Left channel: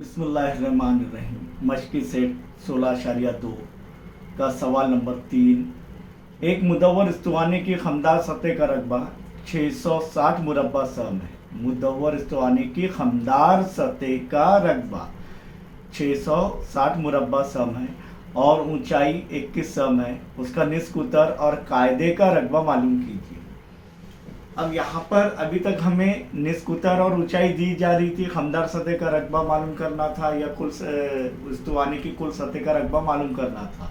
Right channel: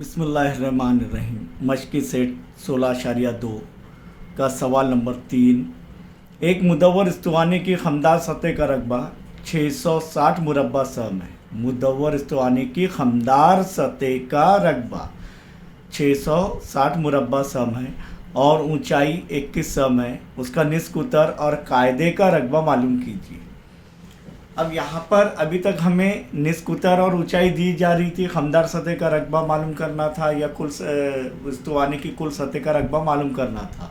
बिस्मिल्लाहिर्रहमानिर्रहीम। मशक़ी सेट 16.2 का सवाल नंबर 3। एक मुदव्वर इस्तवाने की खमदार सतह का रकबा 660 मुरब्बा सम है। मुदव्वर इस्तवाने की खमदार सतह का रकबा 660 मुरब्बा सम है और ऊंचाई 21 सम है। उसका निस्क उतर और कायदे का रकबा मालूम कीजिए। अब यहाँ पर अभी तक हमें निस्क उतर और ऊंचाई दी जा रही थी, खमदार सतह का रकबा मालूम करना था या कुल इस्तवाने की कुल सतह का रकबा मालूम करना था।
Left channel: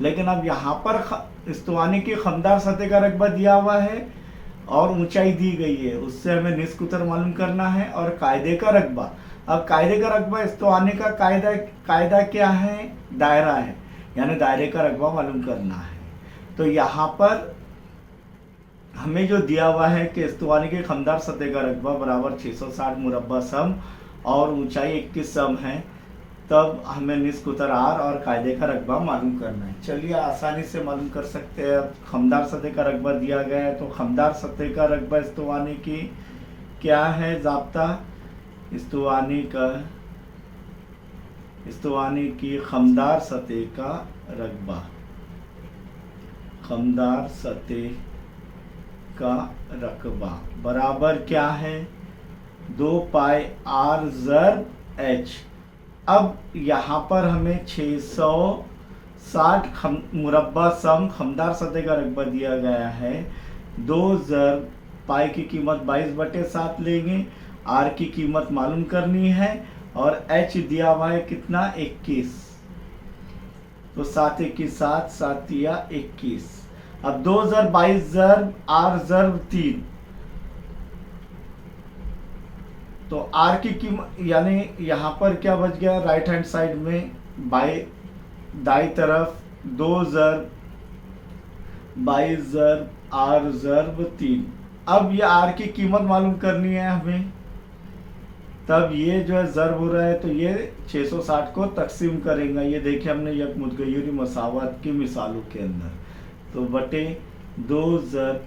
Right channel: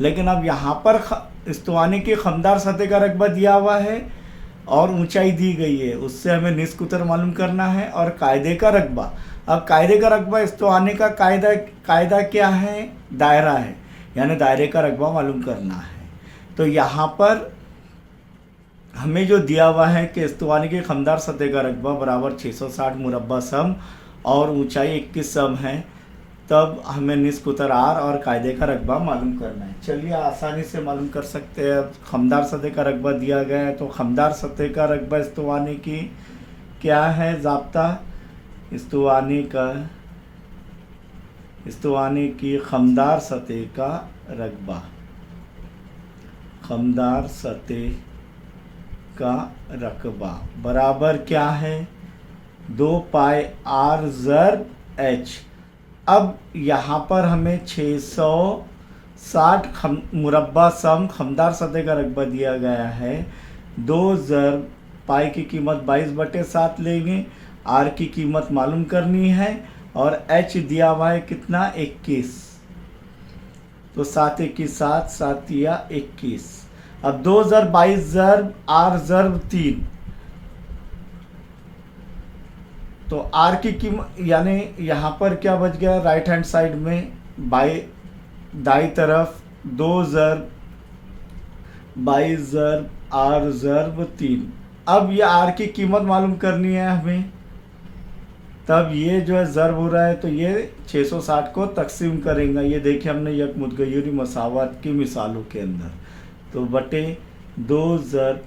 लेकिन अब यहाँ पर इस्तवाने की खमदार सतह का रकबा दिया हुआ है और ऊंचाई दी गई है, उससे हमें निस्क उतर मालूम करना है और कायदे का रकबा। अब कायदे का रकबा इस्तवाने का कायदा क्या है? दायरा है, यानी दायरे का रकबा मालूम करना है। तो यहाँ पर हमें जो दिया हुआ है कि इस्तवाने की खमदार सतह का रकबा बराबर 660 मुरब्बा सम और ऊंचाई 21 सम है, तब हमें निस्क उतर आर और कायदे का रकबा मालूम करना है। चलिए आसानी से मालूम कर सकते हैं। खमदार सतह का रकबा दिया गया है, तो खमदार सतह का रकबा इस्तवाने की क्या है? ज़ाब्ता इस्तवाने की खमदार सतह का रकबा, खमदार सतह का रकबा बराबर क्या है? 2 पाई आर ज़र्ब एच। अब यहाँ पर हमें 660 मुरब्बा सम खमदार सतह का रकबा दिया गया है। 2 ज़र्ब पाई की कीमत 22/7 लेंगे, आर की कीमत मालूम करनी है और एच दिया हुआ है कितना? 21। तो 7 21 7 7 या 21। अब 2 ज़र्ब 22 ज़र्ब आर ज़र्ब 3, तो आर की कीमत यानी यहाँ पर क्या बच गया? राइट हैंड साइड में दाई तरफ 2 ज़र्ब 22 ज़र्ब आर ज़र्ब 3। अब ये आर की कीमत मालूम करनी है हमें, तब ये जो है ज़र्ब हो रहा है तो ये 660 को तकसीम करेंगे। ये देखिए हमने यक मुतगय्यरी मसावत की मिसालों के अंदर, तो बटे 2 ज़र्ब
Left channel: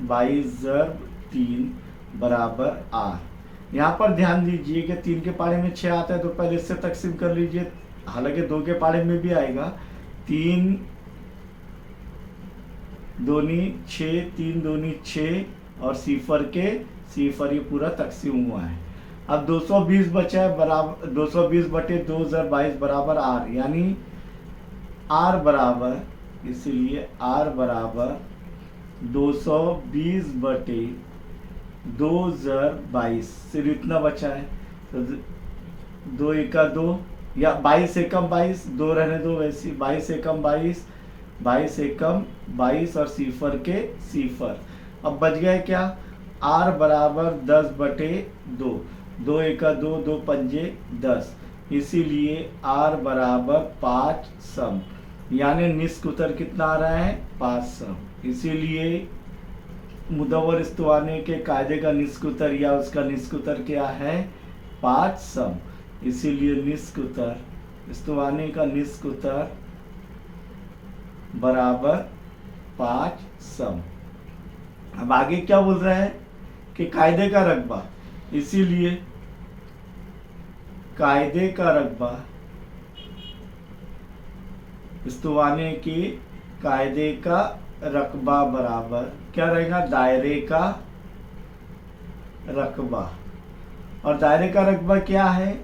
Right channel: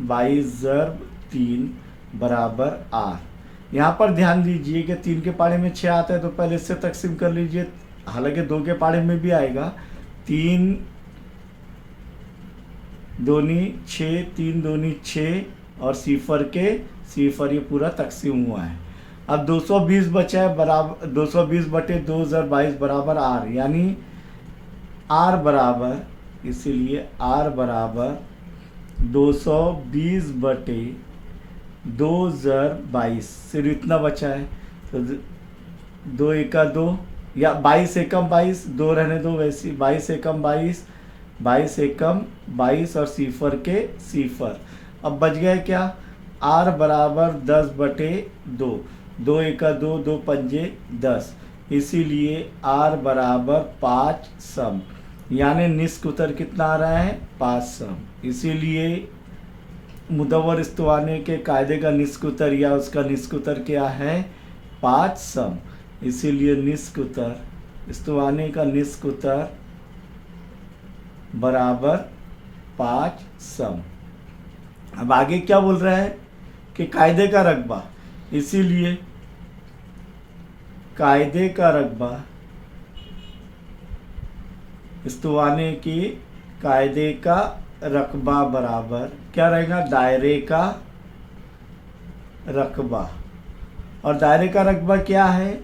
22 ज़र्ब 3 बराबर आर। यहाँ पर ध्यान दीजिए कि 3 के पाड़े में 6 आता है, तो पहले इससे तकसीम कर लीजिए। हालांकि 2 के पाड़े में भी आएगा। 3 दूनी 6, 3 दूनी 6 और सिफर के सिफर, ये पूरा तकसीम हुआ है। अब 220 बचा है, बराबर 220 बटे 2 ज़र्ब 22 बराबर आर, यानी आर बराबर, इसलिए आर बराबर 220 बटे 2 ज़र्ब 22। सिर्फ इतना बचा है, तो 2 एका 2 या 22 एकम 22, 2 रहने दो वैसी, 22 एकम 22, 22 एकम 22 और सिफर के सिफर। अब बच गया क्या? आर बराबर 10 बटे 2, 2 एका 2, 2 पंजे 10, इसीलिए आर बराबर 5 सम, यानी निस्क उतर कितना आ रहा है? 5 सम। इसीलिए मुदव्वर इस्तवाने के कायदे का निस्क उतर या उसका निस्क उतर क्या है? 5 सम। इसीलिए निस्क उतर, इस्तवाने का निस्क उतर बराबर 5 सम। अब आगे क्या बोल रहा है कि कायदे का रकबा, इसीलिए कायदे का रकबा इस्तवाने की कायदे का रकबा बराबर क्या रहेगा? दायरे का रकबा। और दायरे का रकबा क्या है?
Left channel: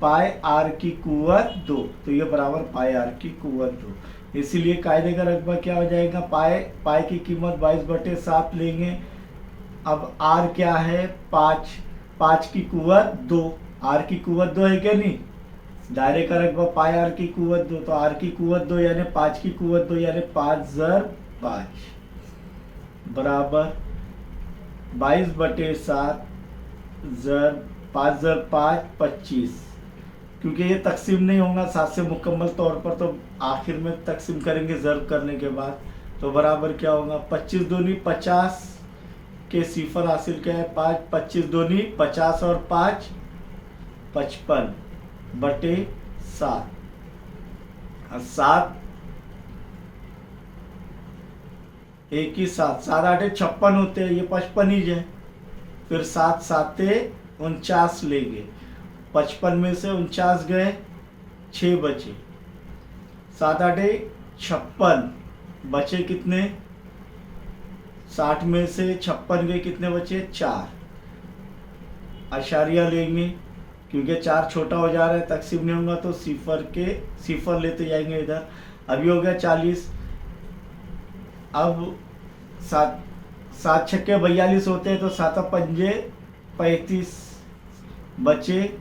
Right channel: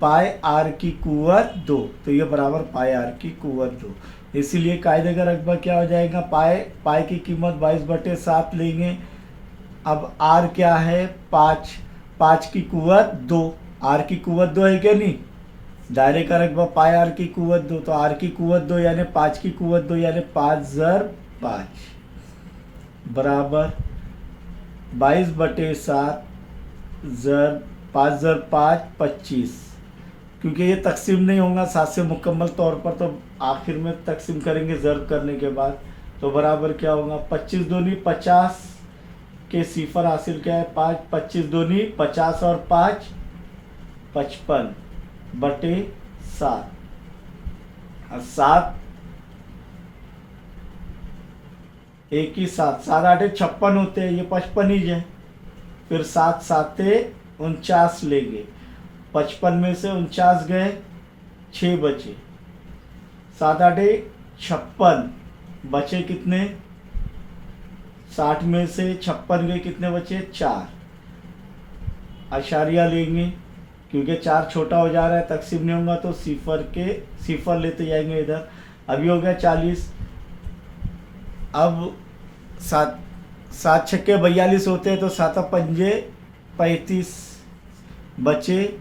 पाई आर की कुव्वत 2, तो ये बराबर पाई आर की कुव्वत 2। इसीलिए कायदे का रकबा क्या हो जाएगा? पाई की कीमत 22/7 लेंगे। अब आर क्या है? 5, 5 की कुव्वत 2, आर की कुव्वत 2 है क्या? नहीं, दायरे का रकबा पाई आर की कुव्वत 2, तो आर की कुव्वत 2 यानी 5 की कुव्वत 2 यानी 5 ज़र्ब 5 बराबर 22/7 ज़र्ब 5 ज़र्ब 5 25। क्योंकि ये तकसीम नहीं होगा 7 से मुकम्मल तौर पर, तो आखिर में तकसीम करेंगे ज़र्ब करने के बाद। तो बराबर क्या होगा? 25 दूनी 50 के सिफर हासिल क्या है? 5, 25 दूनी 50 और 5 55 बटे 7, और 7 1 ही 7, 7 8 56 होते हैं, ये 55 ही है। फिर 7 7 49 लेंगे 55 में से 49 गए, 6 बचे। 7 8 56, बचे कितने? 60 में से 56 गए, कितने बचे? 4। आशारिया लेंगे क्योंकि 4 छोटा हो जा रहा है, तकसीम नहीं होगा तो सिफर लेते जाएंगे इधर। अभी हो गया 40। अब 7 छक्के 42 होते हैं तो 7 पंजे 35 बचे।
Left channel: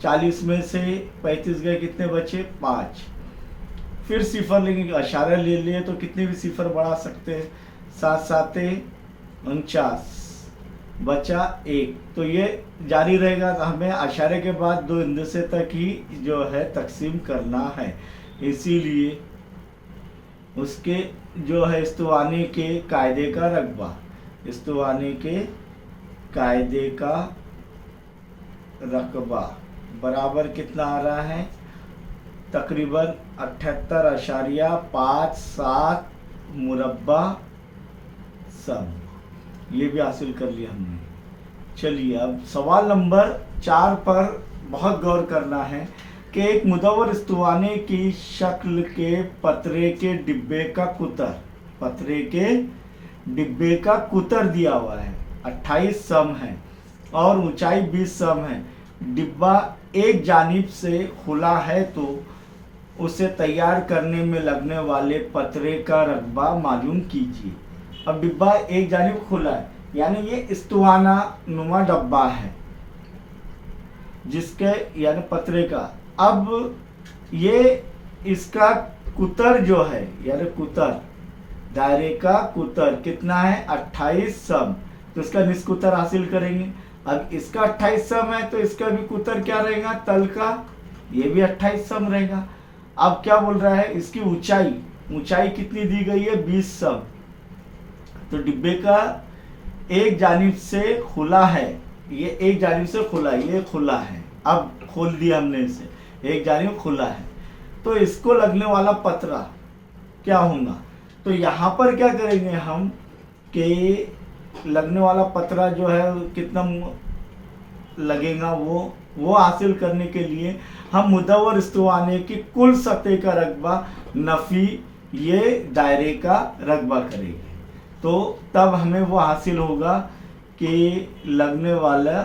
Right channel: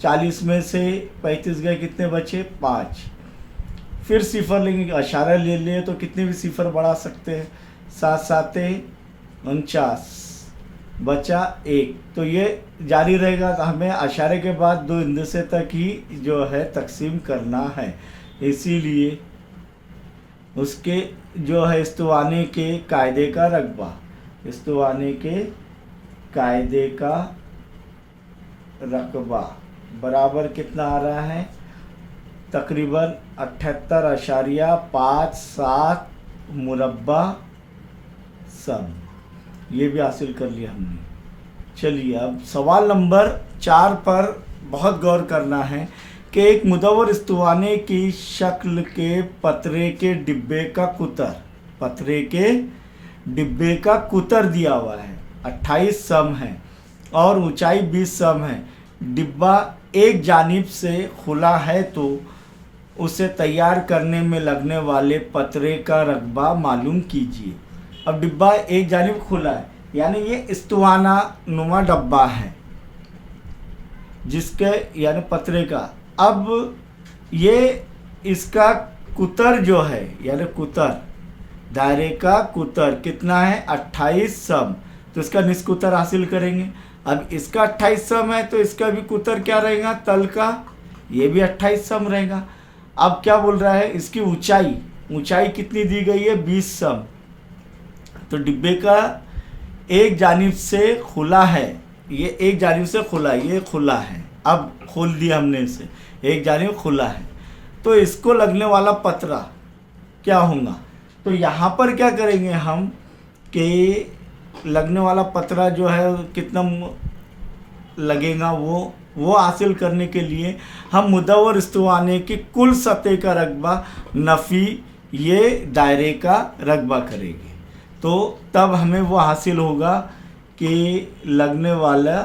40 में से 35 गए, कितने बचे? 5। फिर सिफर लेंगे, अशारा ले लिए तो कितने भी सिफर बढ़ा सकते हैं। 7 7 49, बचा 1। तो ये जारी रहेगा। हमें अशारे के बाद 2 हिंदसे तक ही जो है तकसीम करना है, इसीलिए उसके जो है इस्तवाने के कायदे का रकबा, इस्तवाने के कायदे का रकबा बराबर कितना आ रहा है? तकरीबन 78.57 मुरब्बा सम। ये भी हासिल कर लिया हमने। चलिए अब सवाल नंबर 4 पर बहुत गौर करना है कि एक मुदव्वर इस्तवाने की शक्ल के पतरे के डिब्बे का कुतर, पतरे के डिब्बे का कुतर दिया हुआ है। 28 सम है और ऊंचाई 20 सम है। डिब्बा एक जानिब से खुला है तो उसे तैयार करने में लगने वाले पतरे का रकबा मालूम कीजिए। अब डिब्बा एक जानिब खुला है, यानी ये इस्तवाना नुमा डब्बा है जिसके यानी पतरे का। अब ये इसका कुतर जो है, यानी कुतर, दायरे का कुतर कितना है? 28 सम। तो इसका निस्कुतर हासिल करेंगे। अब इसका 28 सम है तो इसका भी कुतर क्या रहेगा? तल का, ये भी 28 सम रहेगा। अब क्या बोल रहा है? इसकी ऊंचाई, ऊंचाई कितनी दी गई है? 20 सम। तो डिब्बे का एक जानिब से खुला है, ये एक जानिब से खुला है, ये खुला है। अब खोल दिया हमने इसे, एक जानिब खुला है तो इसको लगने वाला पतरा क्या होगा? तो यहाँ पर क्या करेंगे हम कि लगने वाला पतरा जो है कितना लगेगा वो हासिल करने के लिए हम मुदव्वर इस्तवाने की कुल सतह का रकबा नफ़ी ये दायरे का रकबा करेंगे। तो तब हमें वो हासिल होगा कि लगने वाला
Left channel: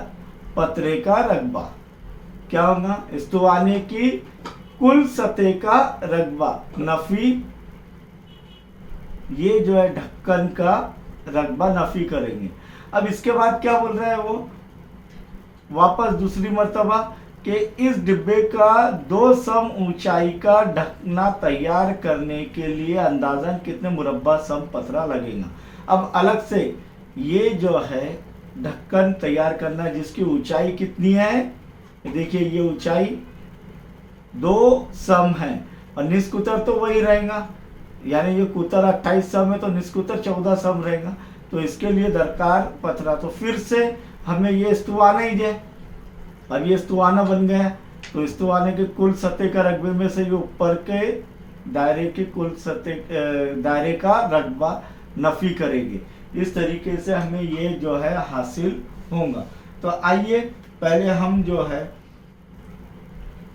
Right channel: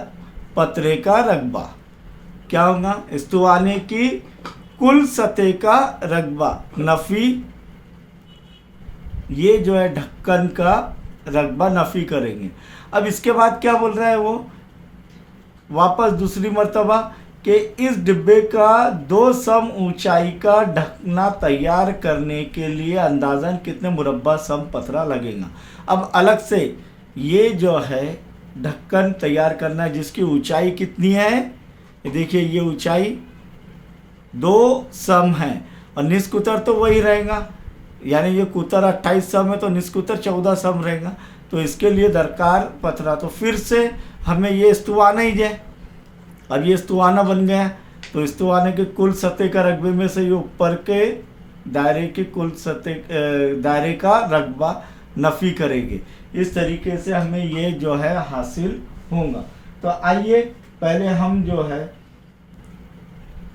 पतरे का रकबा क्या होगा? इस्तवाने की कुल सतह का रकबा नफ़ी ये जो है ढक्कन का रकबा नफ़ी करेंगे। अब इसके बाद क्या बोल रहा है वो वापस दूसरी मर्तबा कि इस डिब्बे का 2 सम ऊंचाई का ढकना तैयार करने के लिए अंदाज़न कितने मुरब्बा सम पतरा लगेगा। अब अलग से ये जो है ढक्कन तैयार करना है जिसकी ऊंचाई कितनी है? देखिए ये ऊंचाई 2 सम है और निस्कुतर तो वही रहेगा, यानी ये कुतर 28 सम है तो निस्कुतर 14 सम रहेगा। तो इसके लिए दरकार पतरा, तो फिर से हमें ये इस्तवाना ही है। अब ये इस्तवाना बन गया तो इस्तवाने के कुल सतह का रकबे में से ये ऊपर के दायरे के कुल सतह दायरे का रकबा नफ़ी करेंगे। इस तरीके से हमें ये जो है हासिल होगा। तो आइए पहले हम जो है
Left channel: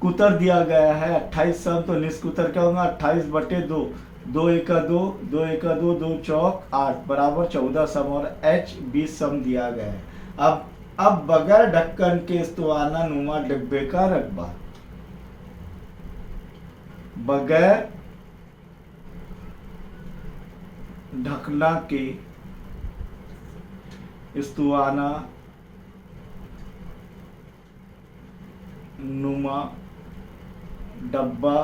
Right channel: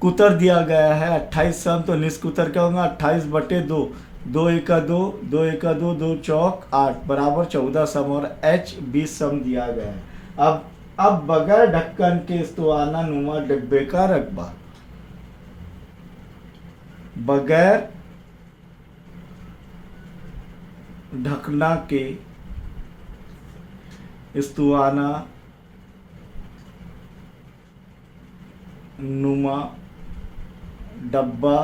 कुतर दिया गया है 28 सम, तो निस्कुतर क्या होगा? 28/2, 2 एका 2, 2 एका 2, 2 चौक 8 बराबर 14 सम और h 20 सम दिया गया है। अब बगैर ढक्कन के इस्तवाना नुमा डिब्बे का रकबा, बगैर ढकना के इस्तवाना नुमा डब्बा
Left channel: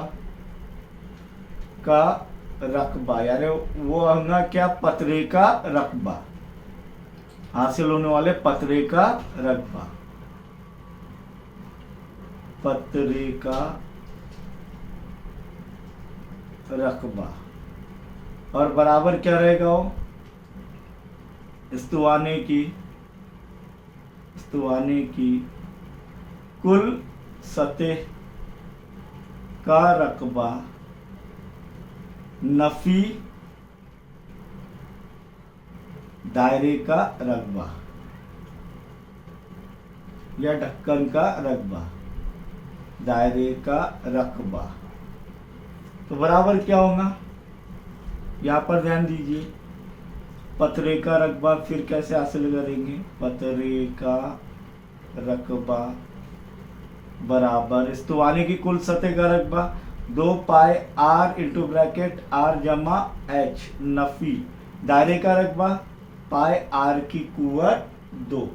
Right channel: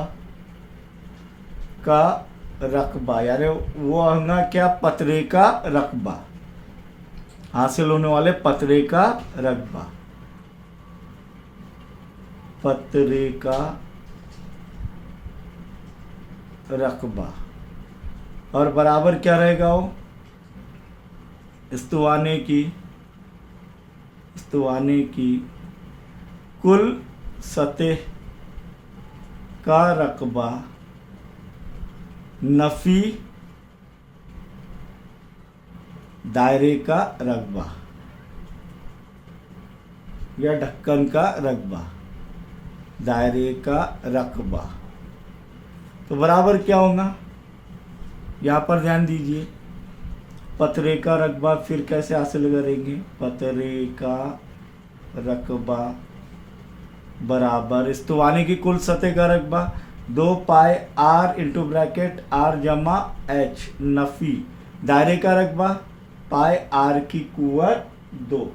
का रकबा, यानी वो होगा क्या? पतरे का रकबा, हासिल होने वाले पतरे का रकबा, पतरे का रकबा। और बराबर क्या रहेगा? वो इस्तवाने की कुल सतह का रकबा नफ़ी दायरे का रकबा या ढक्कन का रकबा। दायरे का रकबा। तो बराबर क्या होगा, यहाँ पर ध्यान दीजिए, पतरे का रकबा फिर कैसे हासिल करेंगे, पतरे का रकबा बराबर स्तवानी की कुल सतह का रकबा 2 पाई आर इंटू ब्रैकेट आर जमा एच, नफी दायरे का रकबा पाई आर की कुवत 2,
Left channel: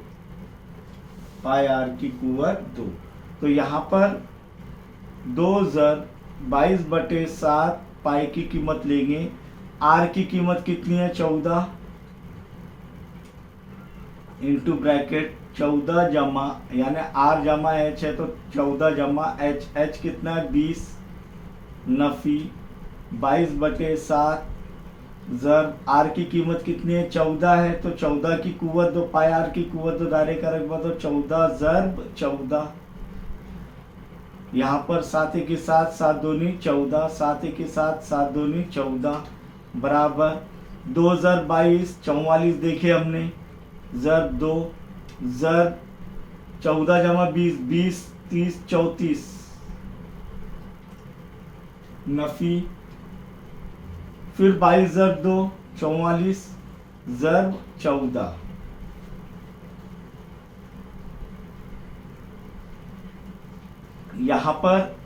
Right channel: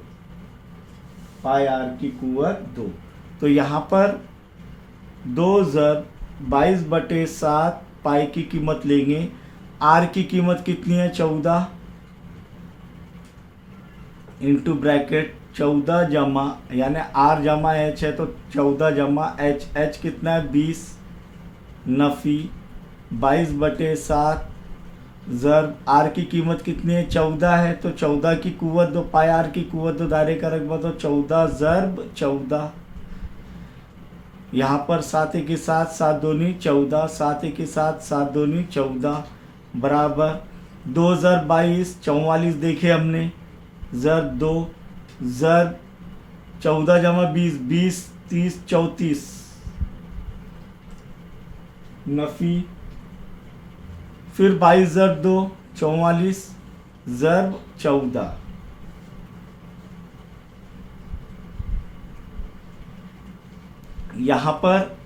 पाई आर की कुवत 2। तो यहाँ पर 2 ज़र 22/7 पाई की कीमत लेंगे। आर की कीमत कितनी है, 14 इंटू ब्रैकेट 14 जमा, यानी आर जमा एच है तो 14 जमा एच, एच कितना है 20, नफी 22/7 ज़र आर की कीमत कितनी है 14 है तो 14 की कुवत 2 पाई आर की कुवत 2 दायरे का रकबा तो 14 ज़रब 14। यहाँ पर 7 के साथ 7 दूनी 14, 7 के साथ 7 दूनी 14 बराबर 2 ज़र 22 44 देखे हमने, ज़र 2 ज़र 14 जमा 20 20 30 34, नफी फिर 22 ज़र 2 44 ज़र 14। यहाँ पर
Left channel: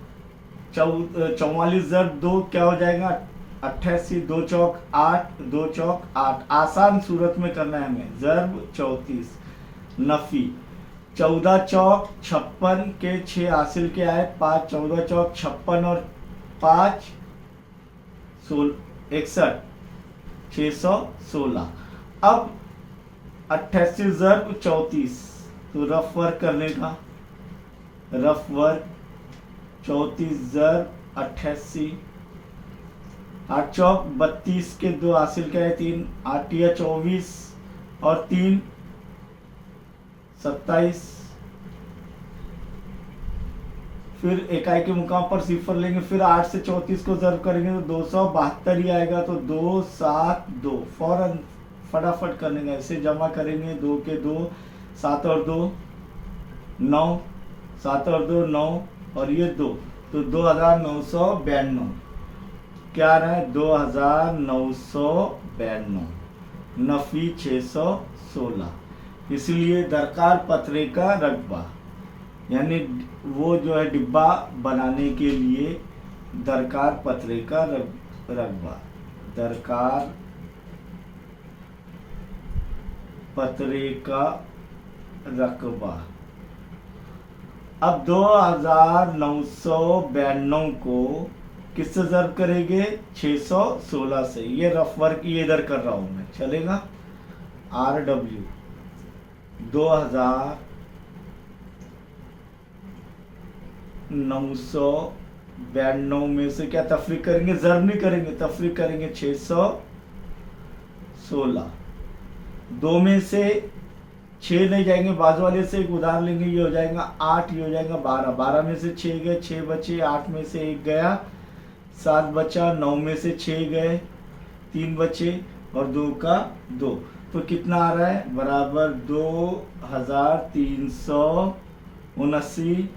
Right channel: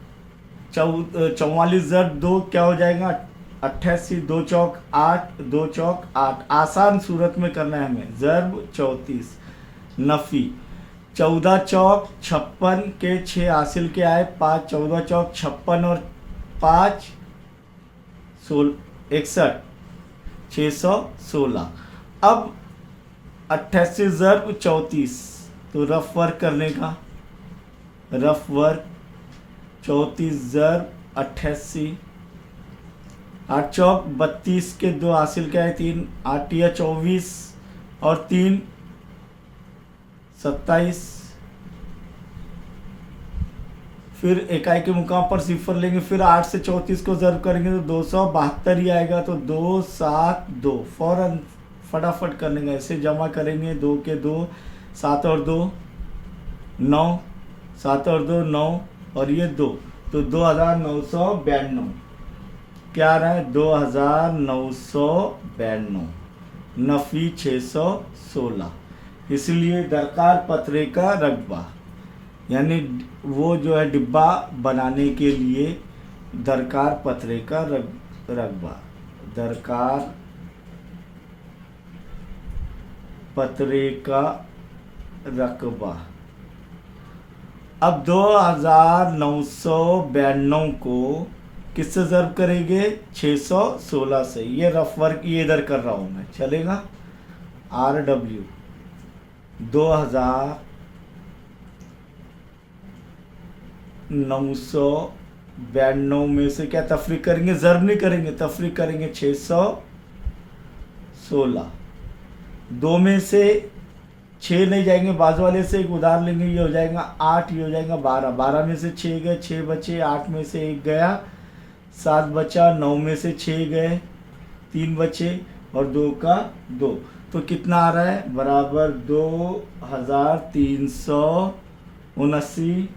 44 ज़र 2 क्या हो जाएगा 88, 2 चौक 8, 2 चौक 8, आसान सूरत में करना है हमें, ज़रब 34, नफी 14 चौक 56 के 6 हासिल के आए 5, 14 चौक 56 और 5 61, 616। अब 88 ज़रब 34, तो रफ वर्क करने का, रफ वर्क 34 ज़रब 88, 8 चौक 32 के 2 हासिल के आए 3, 8 या 24 और 3 27। फिर इकाई के मुकाम पर सिफर लेंगे, फिर 8 से 34 को ज़रब करेंगे तो 272 ही आएगा, तो 2 7 2 फौरन फटाफट करने का, ऐसे जमा करेंगे 2 के 2 7 और 2 9, 7 और 2 9 और ये 2, तो 2992 क्या आ रहा है 2992, नफी 616। इसलिए दरकार पतरे का रकबा, यानी वो जो है डिब्बा बनाने के लिए दरकार पतरे का रकबा, दरकार पतरे का रकबा। अब 2992 को किससे ज़रब करेंगे 616 से, ये रफ वर्क ये इधर कर रहा हूं मैं, चलेगा। RW 2992 में से क्या तफरीक करेंगे, ज़रब नहीं करेंगे, तफरीक करेंगे 616, 2 में से 6 नहीं जाएंगे, बाजू वाले से एक उधार लेंगे, ये हो जाएगा 8, ये हो जाएगा 12, 12 में से 6 गए, 6 बचे, 8 में से 1 गया, 7 बचा, 9 में से 6 गए, 3 बचे और 2 का 2, तो कितना आ रहा है बराबर 2379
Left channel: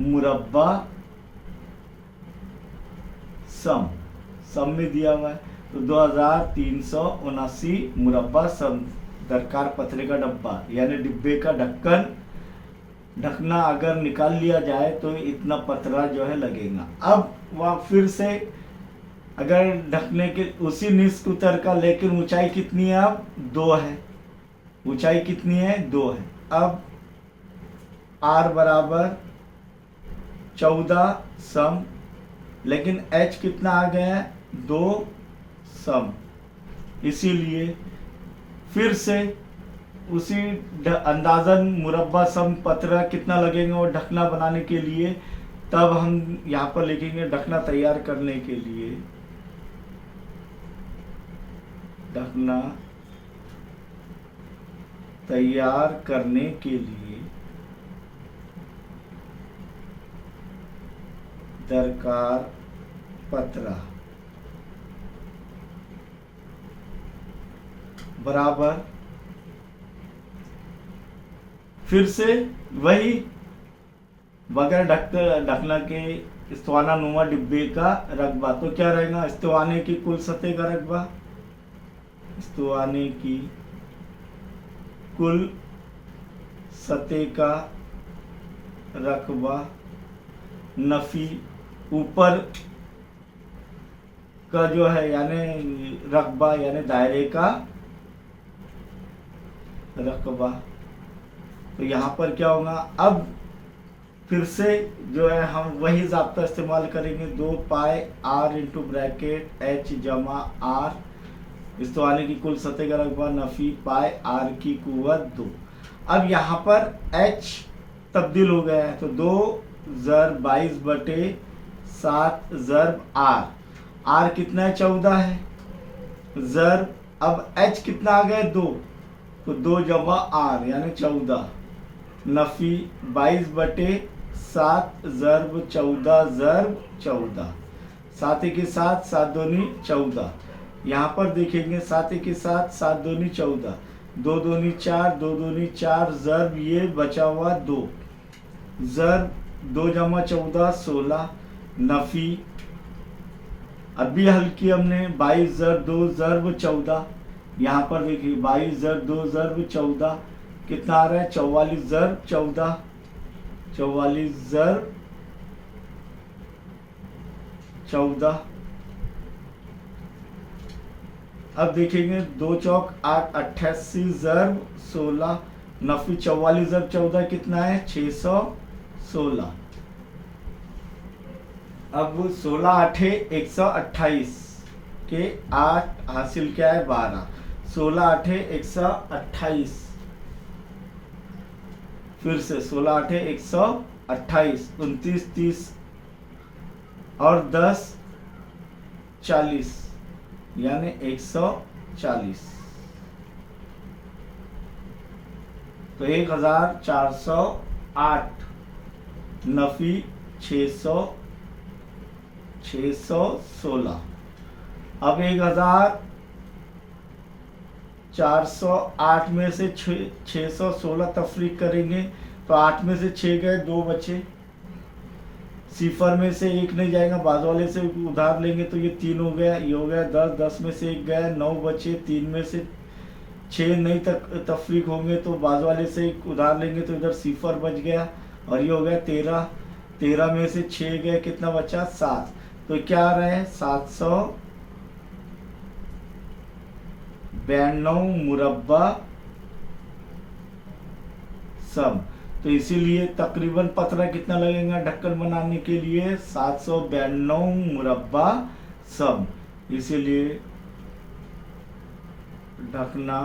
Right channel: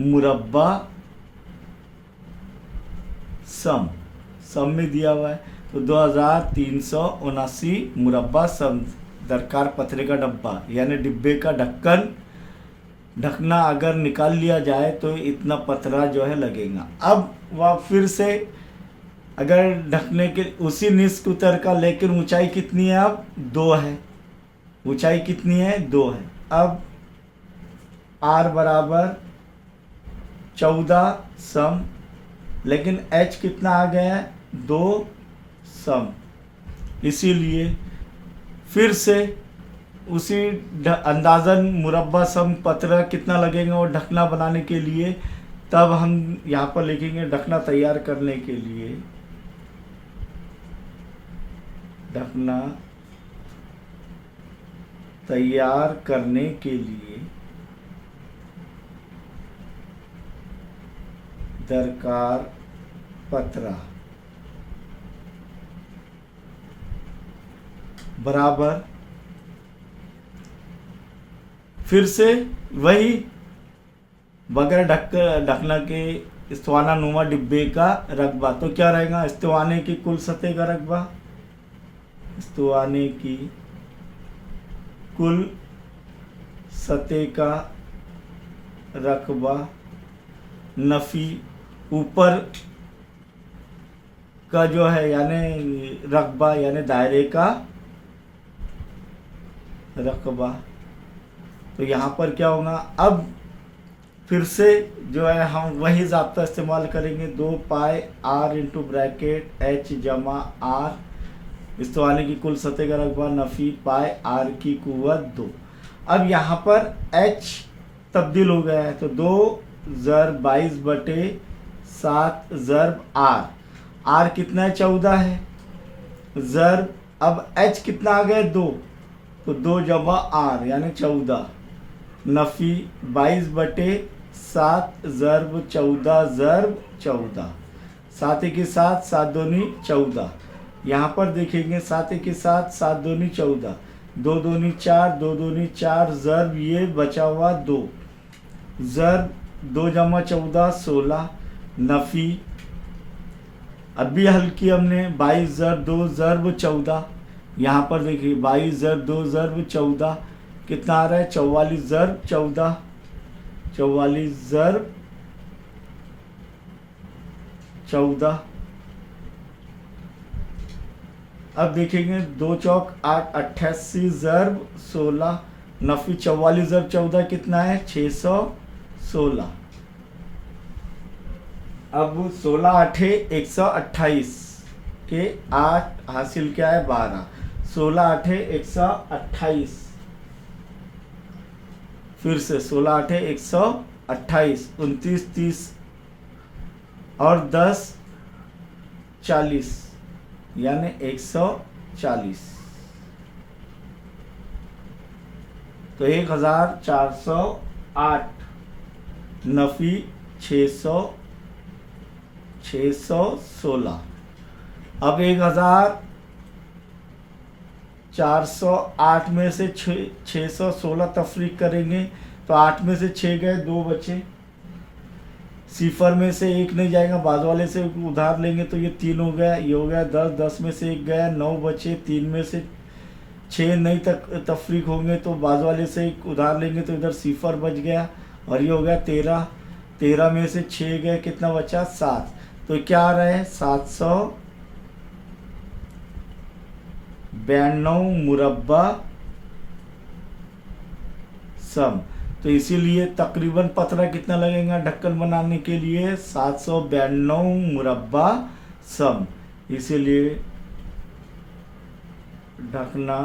मुरब्बा सम, सम में दिया हुआ है, तो 2379 मुरब्बा सम दरकार पतरे का डब्बा, यानी डिब्बे का ढक्कन, ढकना अगर निकाल लिया जाए तो इतना पतरा जो है लगेगा। अब वह फिर से अगर ढकने के उसी निस्फ उतर का, लेकिन ऊंचाई कितनी है अब 2 है, ऊंचाई कितनी है 2 है। अब R बराबर 14 सम, लेकिन H कितना आ गया है 2 सम, इसीलिए फिर से उसी अंदाज़न मुरब्बा सम पतरा कितना लगेगा और ढकना बनाने के लिए, तब हम यहाँ पर लिखेंगे ढकना तैयार करने के लिए, ढकना तैयार करने के लिए दरकार पतरा बराबर, फिर से वही बगैर ढकना के इस्तवाना नुमा डिब्बे का रकबा। तो क्या रहेगा, इस्तवाने की कुल सतह का रकबा, इस्तवाने की कुल सतह का रकबा नफी ऊपर का जो है यानी रकबा यानी दायरे का रकबा। तो यहाँ पर क्या होगा, अब फिर से जो है हम वही ज़ाब्ता इस्तेमाल करेंगे, 2 पाई r इंटू ब्रैकेट h जमा r इस्तवाने की कुल सतह का रकबा नफी पाई r की कुव्वत 2। अब यहाँ पर h तब्दील हो गया है, तो 2 ज़र 22/7 ज़र r कितना है, 14 है, ज़र अब h कितना आ गया, 2, तो 2 जमा r यानी 14 नफी 22/7 ज़र्ब 14 ज़र्ब 14, 7 के साथ 7 दूनी 14। यहाँ पर देखेंगे 7 के साथ 7 दूनी 14, 2 दूनी 4, 2 दूनी 4 ज़र्ब ये बचा हुआ 2, ज़र्ब 2 जमा 14 16 नफी। अभी हल की हमने 22 ज़र्ब 2 ज़र्ब 14। यहाँ पर देखिए 22 ज़र्ब 2 ज़र्ब 14 कितना आ रहा है, 44 ज़र्ब 14, 44 ज़र्ब 14। अब देखेंगे 2 चौक 8 88 ज़र्ब 16 नफी 44 ज़र्ब 14 कितना है, 616। अब 16 8 128 के 8 हासिल क्या है, 12, 16 8 128, फिर से 16 8 128, 29 30 और 10 40 यानी 140। तो 1408 नफी 616। अब 1408 में से 616 तफरीक करेंगे, तो 8 में से 6 गए, 2 बचे, सिफर में से 1 नहीं जाएगा, बाद वाले से उधार लेंगे तो ये 3 हो गया, ये हो गया 10, 10 में से 1 गया, 9 बचे, 3 में से 6 नहीं तफरीक होंगे तो बाद वाले से 1 उधार लेंगे तो इधर सिफर बच गया, और ये हो गया 13, 13 में से 6 गए, कितना बचा, 7। तो क्या आ रहा है, 792 मुरब्बा सम। तो इसीलिए तकरीबन पतरा कितना लगेगा ढक्कन बनाने के लिए, 792 मुरब्बा सम। इसीलिए ढकना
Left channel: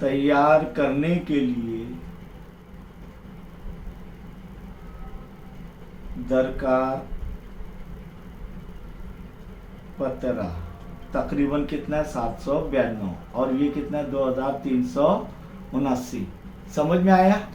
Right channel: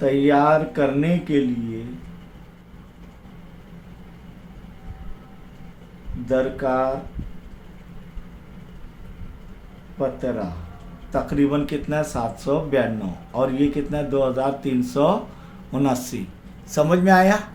तैयार करने के लिए दरकार पतरा तकरीबन कितना है, 792, और ये कितना है, 2379। समझ में आया।